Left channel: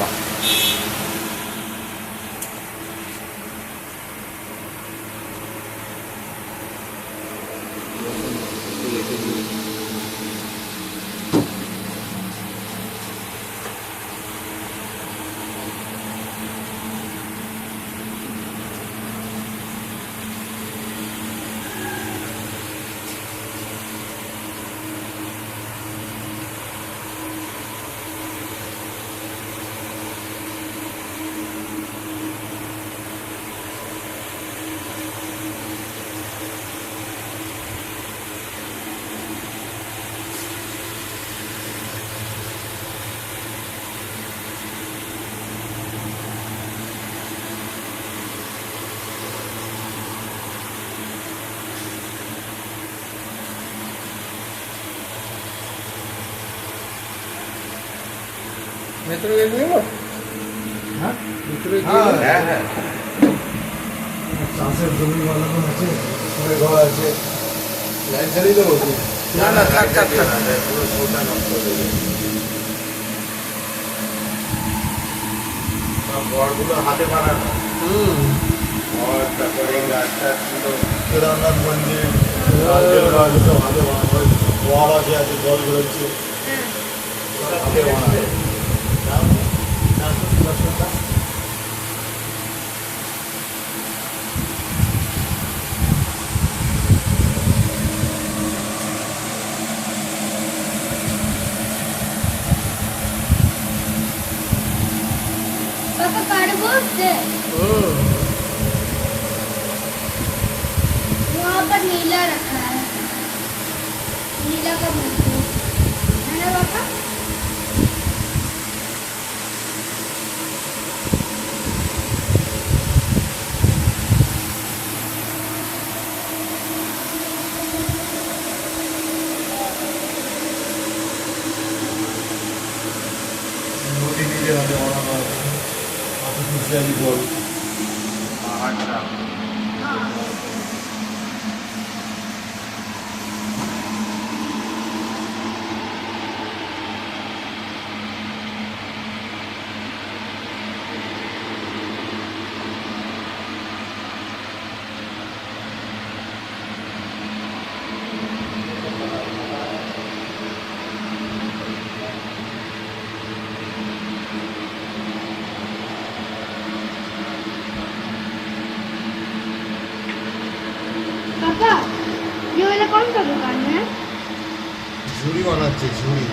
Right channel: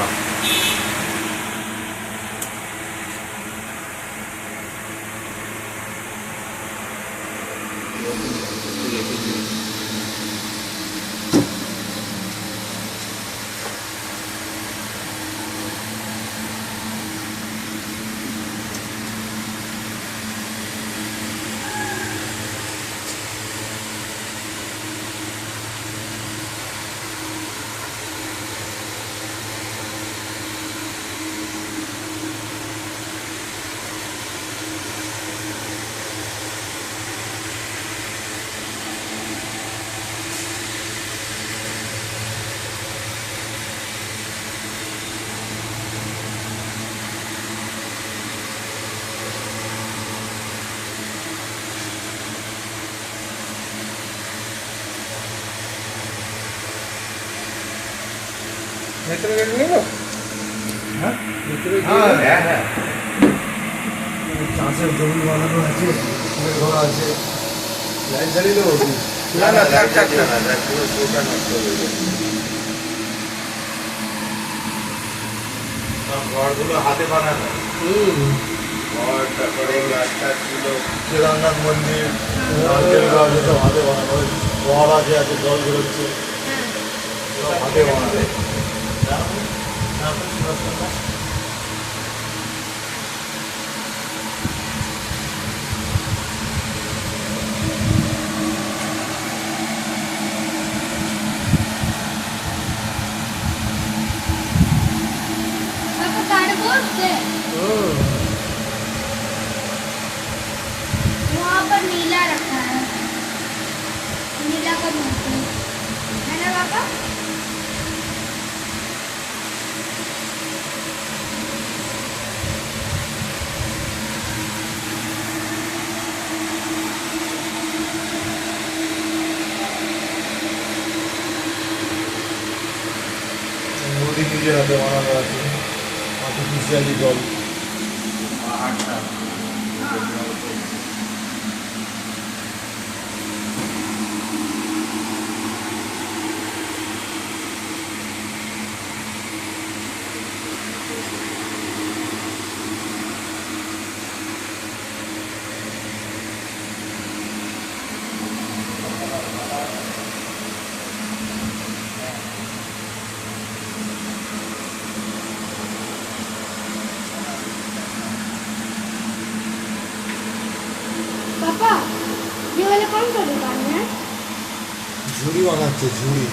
বাহ ভেতরে গেট নেব হ্যাঁ ভেতরে গিয়ে হ্যাঁ হ্যাঁ চাষের জমি বানানো আছে ঘর আছে লাইট জ্বালিয়ে দেবো না না থাক থাক থাক পুরো পুরোটা নষ্ট হয়ে যাবে ঘরগুলো হাতে বানানো ঘর তারপরে গাছটা ছিল কেদারনাথ মন্দির সব হাতে বানানো ঘর আছে আছে জল বেরোচ্ছে সব হাতে বানানো पापा कार्डबोर्ड से वहाँ पर नीला रखा है नीला का बोलते है ना पापा নদী নিজের হাতে বানানো আছে আর্টিফিশিয়ালি জল পাহাড়টা पापा ये वाला कौन सा दुकान है ঝুড়ি বানাচ্ছে ঝুড়ি